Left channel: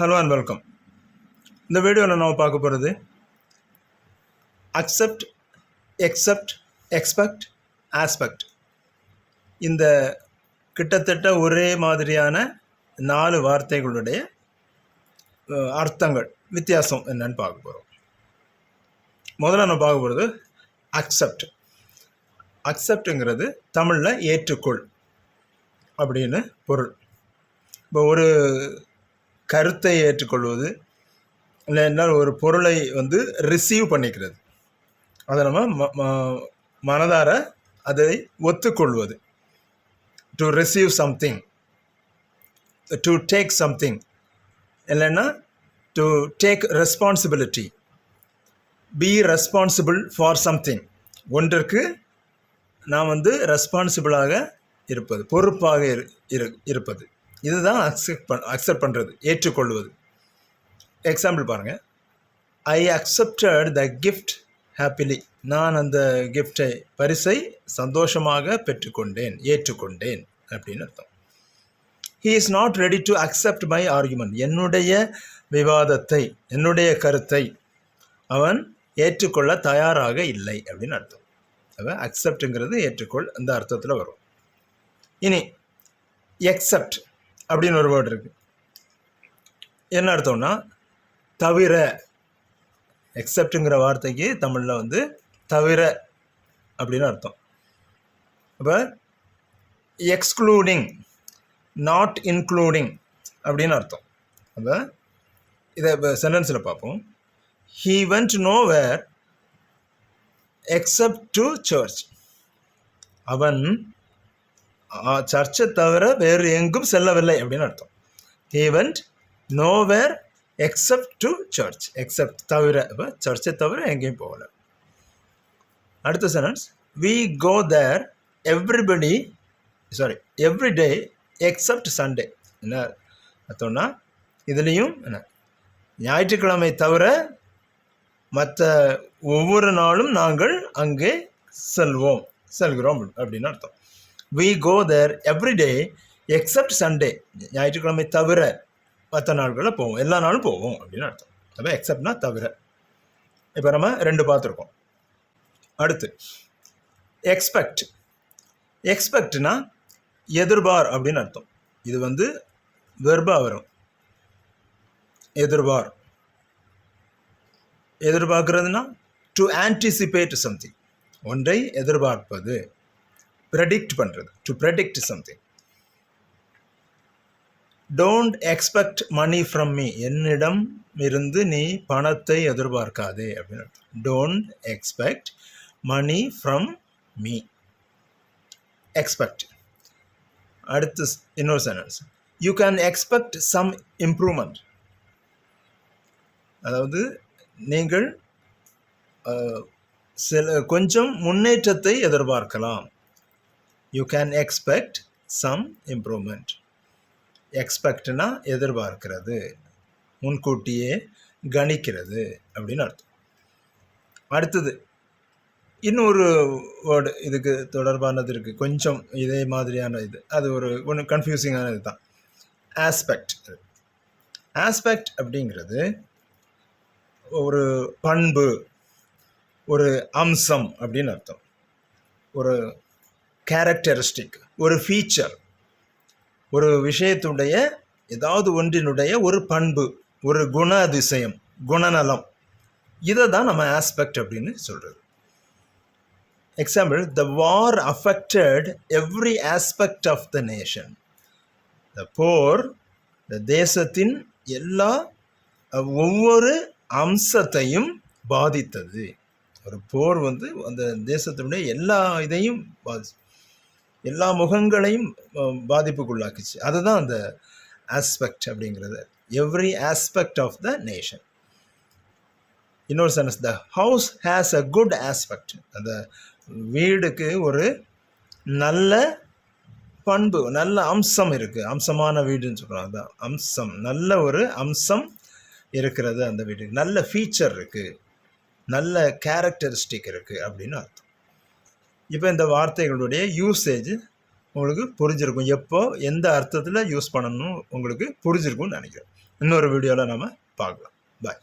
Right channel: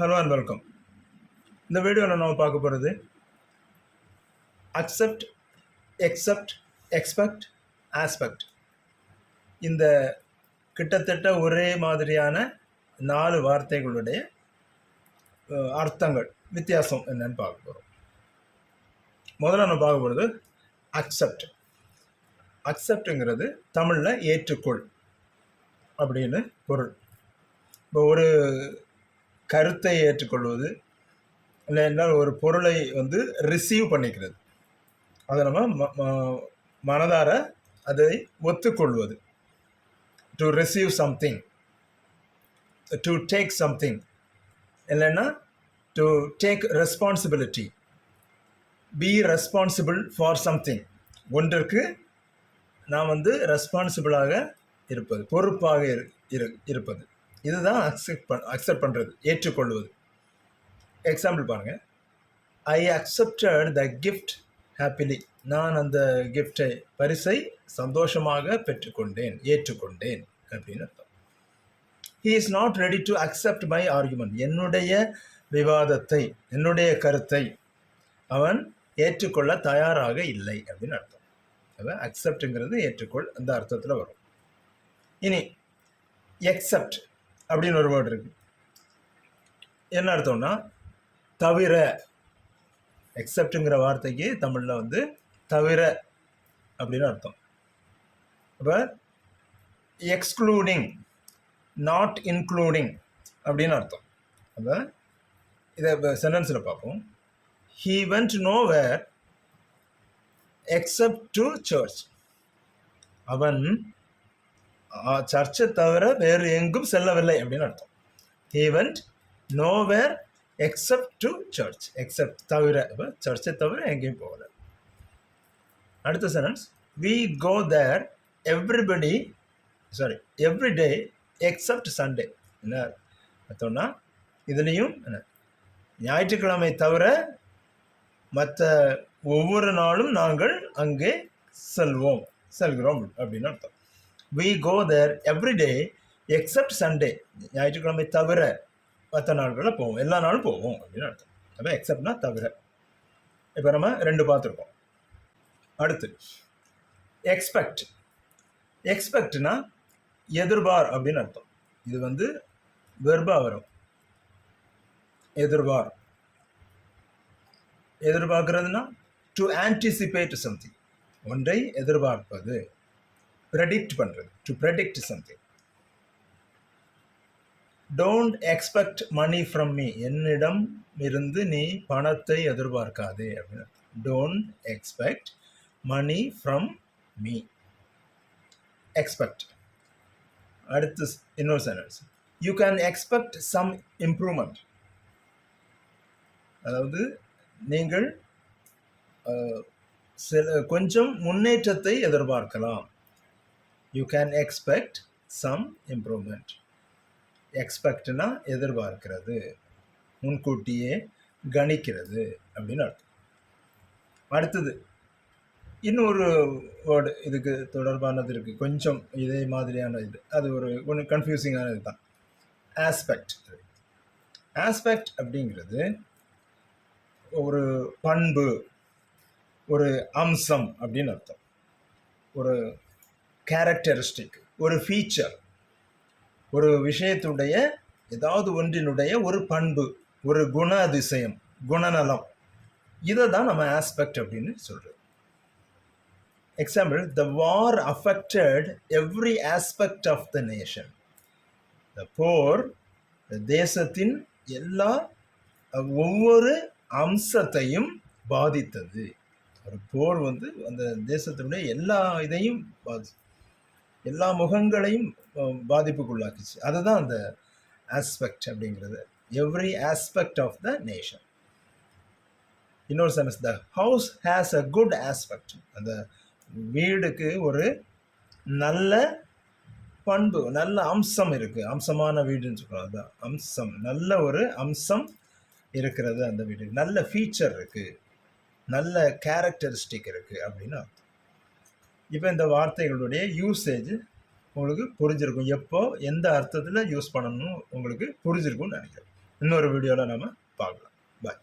Hello and welcome. இந்த வீடியோவில் நம்ம பார்க்க போகிறது அக்செப்ட், எக்ஸப்ட், எக்ஸ்பெக்ட், ஆஸ்பெக்ட். இந்த கிட்டத்தட்ட ஒரே மாதிரியான 4 வார்த்தைகளுடைய அர்த்தங்கள் வித்தியாசம் என்னன்னு பார்க்க போகிறோம். முதல்ல நம்ம பார்க்க போகிறது அக்செப்ட். அக்செப்டுங்கிறது தமிழில் ஏற்றுக்கொள் அப்படின்னு பொருள். இப்போ ஒரு கருத்தை ஏற்றுக்கொள்வது இல்லைன்னா ஒரு பொருளை ரிசீவ் பண்ணிக்கிறது, அதை நம்ம மனதார அதை ஒத்துக்கொள்வது. To receive something, to take something, இல்லைன்னா to take responsibility, be responsible for something. ஒன்றுக்கு நான் ரெஸ்பான்சிபிளாக இருப்பது, பொறுப்பாக இருப்பது. இதுதான் அக்செப்ட் பண்ணுறது, ஏற்றுக்கொள்வது. எக்ஸாம்பிள் பாருங்கள். ஐ அக்செப்டட் த கிஃப்ட் ஹாப்பிலி. நான் அந்த கிஃப்டை, பரிசை சந்தோஷமாக பெற்றுக்கொண்டேன், ஏற்றுக்கொண்டேன் அப்படின்னு அர்த்தம். He is not ready to accept my argument. என்னுடைய விவாதத்தை, என்னுடைய கருத்தை அவன் ஏற்றுக்கொள்ள தயாராக இல்லை அப்படின்னு அர்த்தம். அவன் அக்செப்டுங்கிறது ஏற்றுக்கொள், அந்த அர்த்தத்தில் வரும். இனி எக்ஸப்ட் அப்படின்னு ஒரு வேர்டு இருக்கு. என்ன அர்த்தம்னா தவிர. எக்ஸப்டுங்கிற வார்த்தைக்கு தமிழில் தவிர அப்படின்னு அர்த்தம். அப்போ எக்ஸ்க்ளூடிங், நாட் இன்க்ளூடிங் அப்படின்னு அர்த்தம். அப்போ இதை இப்போ சென்டென்ஸில் பார்ப்போம். He went nowhere except to church. அவன் சர்ச்சை தவிர வேறு எங்கும் செல்லவில்லை அப்படின்னு அர்த்தம். He went nowhere except to church. Except தவிர, சர்ச்சை தவிர எங்கேயும் போகல. அடுத்த sentence. We go there every day except Sunday. என்ன அர்த்தம்னா இதுலேயும் என்ன, ஞாயிற்றுக்கிழமை தவிர மற்ற ஒவ்வொரு நாளும் நாங்கள் அங்கே செல்கிறோம் அப்படின்னு அர்த்தம். We go there every day except Sunday. ஞாயிற்றுக்கிழமை தவிர மற்ற நாட்களில் போவோம், எல்லா நாளும் போவோம் அப்படின்னு அர்த்தம். அப்போ எக்ஸப்ட்னா தவிர. இப்போ நம்ம 2 பார்த்துருக்கோம். அடுத்து எக்ஸ்பெக்ட். எக்ஸ்பெக்ட்னா எதிர்பார் அப்படின்னு அர்த்தம். இது வெர்பா வரும். எதிர்பார்க்கிறதுனா டு ஆன்டிசிபேட் சம்திங், ஒன்றை எதிர்பார்ப்பது, ப்ரெடிக்ட் பண்ணுறது, to predict something. Don't expect money from me. என்னிடம் இருந்து நீ பணத்தை எதிர்பார்க்காதே அப்படின்னு அர்த்தம். Don't expect money from me. Expect. அடுத்து இன்னொரு sentence. You can expect some improvement. அதாவது நீங்கள் கொஞ்சம் முன்னேற்றத்தை எதிர்பார்க்கலாம். You can expect some improvement. எக்ஸ்பெக்ட்னா எதிர்பார்க்கிறது, முன்கூட்டியே கணிக்கிறது அப்படின்னு அர்த்தம். அடுத்தது இன்னொரு வேர்டு இதுக்கு தொடர்பானது இருக்குது, கொஞ்சம் இதே மாதிரியான இது. அது ஒன்று கன்ஃபியூசிங்கான இது தான். ஆஸ்பெக்ட். ஆஸ்பெக்ட் அப்படிங்கிறது ஒரு பண்பு, ஒரு அம்சம் அப்படின்னு அர்த்தம். ஒரு கேரக்டரிஸ்டிக், ஒரு ஃபீச்சர், ஒரு விஷயத்துடைய ஏதாவது ஒன்றினுடைய ஒரு பண்பு, ஒரு குண அதிசயம், குணநலம். இதை தான் நம்ம ஆஸ்பெக்ட் அப்படின்னு சொல்கிறது. Example. The war affected every aspect of the nation. The போர் தேசத்தின் எல்லா ஒவ்வொரு அம்சத்தையும் பாதித்தது. ஒரு போர் அந்த தேசத்தினுடைய எல்லா இதையும் எல்லா முகங்களையும் பாதிப்புக்குள்ளாக்குச்சு. அதுதான் அந்த ஆஸ்பெக்ட் அப்படிங்கிறது. Every aspect of the nation. இன்னொரு sentence. The house has a good aspect. அந்த வீடுக்கு ஒரு நல்ல பண்பு, நல்ல அம்சம் இருக்குது. அம்சமான வீடுன்னு சொல்கிறோம். அதுதான் அம்சம். நல்ல ஒரு அம்சம் இருக்கிறது அந்த வீட்டுக்கு. நல்ல ஃபீச்சர் இருக்குது, நல்ல கேரக்டரிஸ்டிக் இருக்குது அப்படின்னு அர்த்தம். இப்போ இந்த வார்த்தைகளுடைய யூசேஜ் உங்களுக்கு புரிஞ்சிருக்கும். எப்போ எந்த அர்த்தத்தில் யூஸ் பண்ணணும் உங்களுக்கு புரிஞ்சிருக்கும்னு நினைக்கிறேன். இன்னொரு வீடியோவில் நம்ம பார்க்கலாம். பாய்.